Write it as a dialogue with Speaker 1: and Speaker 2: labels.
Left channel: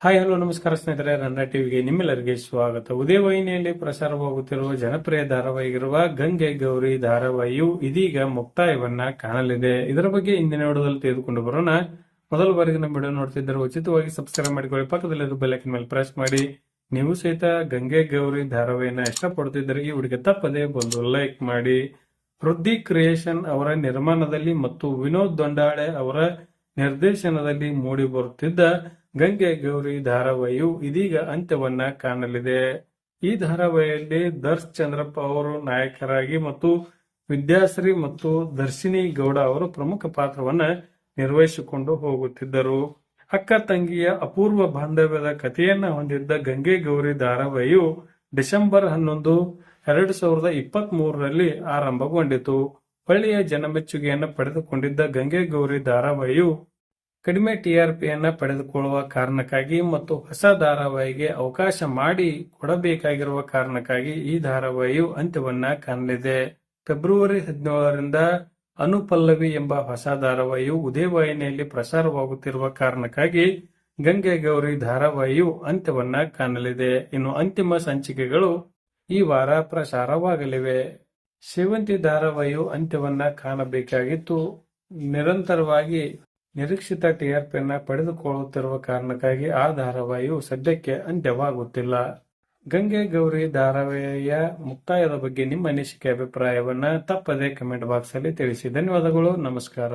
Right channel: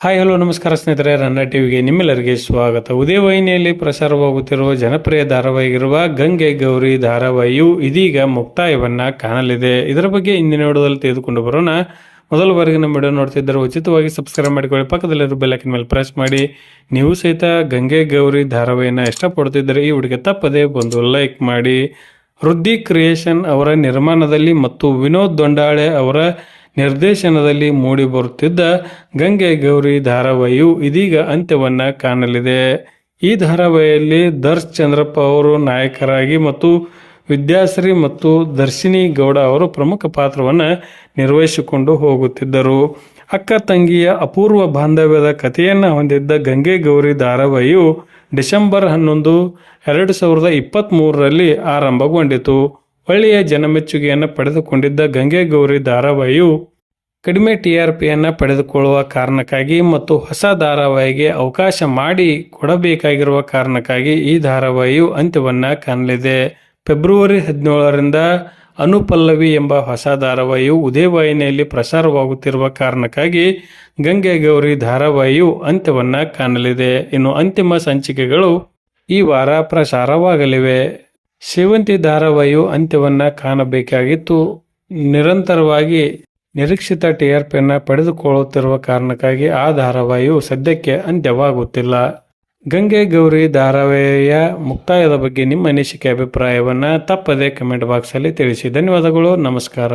Speaker 1: Hi hello ನಮಸ್ಕಾರ ಸ್ನೇಹಿತರೆ ರನ್ನ ಟಿವಿಗೆ ನಿಮ್ಮೆಲ್ಲರಿಗೆ ಸ್ವಾಗತ. ಉದಯವಾಹಿನಿಯಲ್ಲಿ ಪ್ರಸಾರವಾಗುತ್ತಿರುವ ಜನಪ್ರಿಯ ಧಾರಾವಾಹಿಗಿರುವ ಗಂಗೆ ಗೌರಿ ಧಾರಾವಾಹಿಯು ಇದೀಗ ಮುಕ್ತಾಯವನ್ನ ಕಾಣಲಿದೆ. ಇದರ ಬಗ್ಗೆ ಇಂದಿನ ವಿಡಿಯೋದಲ್ಲಿ ತೆಗೆದುಕೊಂಡು ಬರೋಣ. ಮೊದಲ ಬಾರಿಗೆ ನಮ್ಮ ವಿಡಿಯೋ ನೋಡ್ತಿದ್ದರೆ ಉಚಿತವಾಗಿ ಸಬ್ಸ್ಕ್ರೈಬ್ ಮಾಡಿಕೊಳ್ಳಿ. ಪಕ್ಕದಲ್ಲಿರೋ ಬೆಲ್ಲಕಿನ ಮೇಲೆ ಪ್ರೆಸ್ ಮಾಡಿ. ನೀವು ಸಹಿತ ಗಂಗೆ ಗೌರಿ ಧಾರಾವಾಹಿನ ಇಷ್ಟಪಡ್ತಿದ್ದರೆ ಈ ಹುಡುಗಿ ತಪ್ಪದೇ ಬಂದು ಲೈಕ್ ಮಾಡಿ. ವೃದ್ಧಿ ಕ್ರಿಯೇಷನ್ ಅವರ ನಿರ್ಮಾಣದಲ್ಲಿ ಮತ್ತು ವಿನೋದ್ ದೊಂಡಾಳೆ ಅವರ ನಿರ್ದೇಶನದಲ್ಲಿ ಮೂಡಿ ಬರುತ್ತಿದ್ದ ಗಂಗೆ ಗೌರಿ ಧಾರಾವಾಹಿಯು ಇದೀಗ ಅಂತ್ಯವನ್ನ ಕಾಣಲಿದೆ. ಈ ಧಾರಾವಾಹಿಯಲ್ಲಿ ದರ್ಶ್ ಚಂದ್ರಪ್ಪ ಅವರು ನಾಯಕರಾಗಿ ಮತ್ತು ವಿದ್ಯಾಶ್ರೀ ಮತ್ತು ದರ್ಶಿನಿ ಗೌಡ ಅವರು ಪ್ರಮುಖ ಪಾತ್ರವನ್ನು ನಿರ್ವಹಿಸಿಕೊಂಡು ಹೋಗುತ್ತಿದ್ದರು. ಅಕ್ಕ ತಂಗಿಯ ಅಪೂರ್ವ ಬಾಂಧವ್ಯದ ಕಥೆಯನ್ನು ಹೊಂದಿದ್ದ ಗಂಗೆ ಗೌರಿ ಧಾರಾವಾಹಿಯು ಡಿಸೆಂಬರ್ ಹನ್ನೊಂದು, ಎರಡು ಸಾವಿರದ ಇಪ್ಪತ್ತ್ಮೂರರಲ್ಲಿ ಆರಂಭಗೊಂಡಿತು. ಒಳ್ಳೆಯ ಜನಮೆಚ್ಚುಗೆಯನ್ನು ಪಡೆದುಕೊಂಡಿದ್ದ ಗಂಗೆ ಗೌರಿ ಧಾರಾವಾಹಿಯು ಕಡಿಮೆ ಟಿ ಆರ್ ಪಿಯನ್ನು ಪಡೆದುಕೊಳ್ಳುವ ಕಾರಣಕ್ಕಾಗಿ ಮತ್ತು ಹೊಸ ಧಾರಾವಾಹಿಗೆ ಅವಕಾಶ ಮಾಡಿ ಕೊಡಬೇಕಾಗಿರುವ ಕಾರಣಕ್ಕಾಗಿ ಈ ಧಾರಾವಾಹಿಯು ಅಂತ್ಯವನ್ನು ಕಾಣಲಿದೆ. ಫೆಬ್ರವರಿ ಹದಿನೇಳರಿಂದ ಅನುಪಲ್ಲವಿ ಎಂಬ ಹೊಸ ಧಾರಾವಾಹಿಯು ಉದಯವಾಹಿನಿಯಲ್ಲಿ ಪ್ರಸಾರವಾಗುತ್ತಿರುವ ಕಾರಣಕ್ಕಾಗಿ ಗಂಗೆ ಗೌರಿ ಧಾರಾವಾಹಿಯು ಅಂತ್ಯವನ್ನು ಕಾಣಲಿದೆ. ಇನ್ನು ಅಂತಿಮ ಸಂಚಿಕೆಗಳು ಈ ವಾರ ಪ್ರಸಾರವಾಗಲಿವೆ. ಸೇವಂತಿ ಧಾರಾವಾಹಿಯು ಅಂತ್ಯವನ್ನು ಕಾಣಬೇಕಾಗಿತ್ತು. ನಿರಂತರವಾಗಿ ನಿರೀಕ್ಷಿತ ಟಿಆರ್ಪಿಯನ್ನು ಆರ್ ಪಿಯನ್ನು ಪಡೆದುಕೊಳ್ಳುತ್ತಿರುವ ಕಾರಣಕ್ಕಾಗಿ ಆ ಧಾರಾವಾಹಿಯು ಸದ್ಯಕ್ಕೆ ಅಂತ್ಯವಾಗುತ್ತಿಲ್ಲ. ಗಂಗೆ ಗೌರಿ ಧಾರಾವಾಹಿಯ ಮುಕ್ತಾಯದ ಬಗ್ಗೆ ನಿಮ್ಮ ಅನಿಸಿಕೆ, ಅಭಿಪ್ರಾಯವನ್ನು ತಪ್ಪದೆ ಕಮೆಂಟ್ ಬಾಕ್ಸಲ್ಲಿ ತಿಳಿಸಿ. ಧನ್ಯವಾದಗಳು, ನಮಸ್ಕಾರ.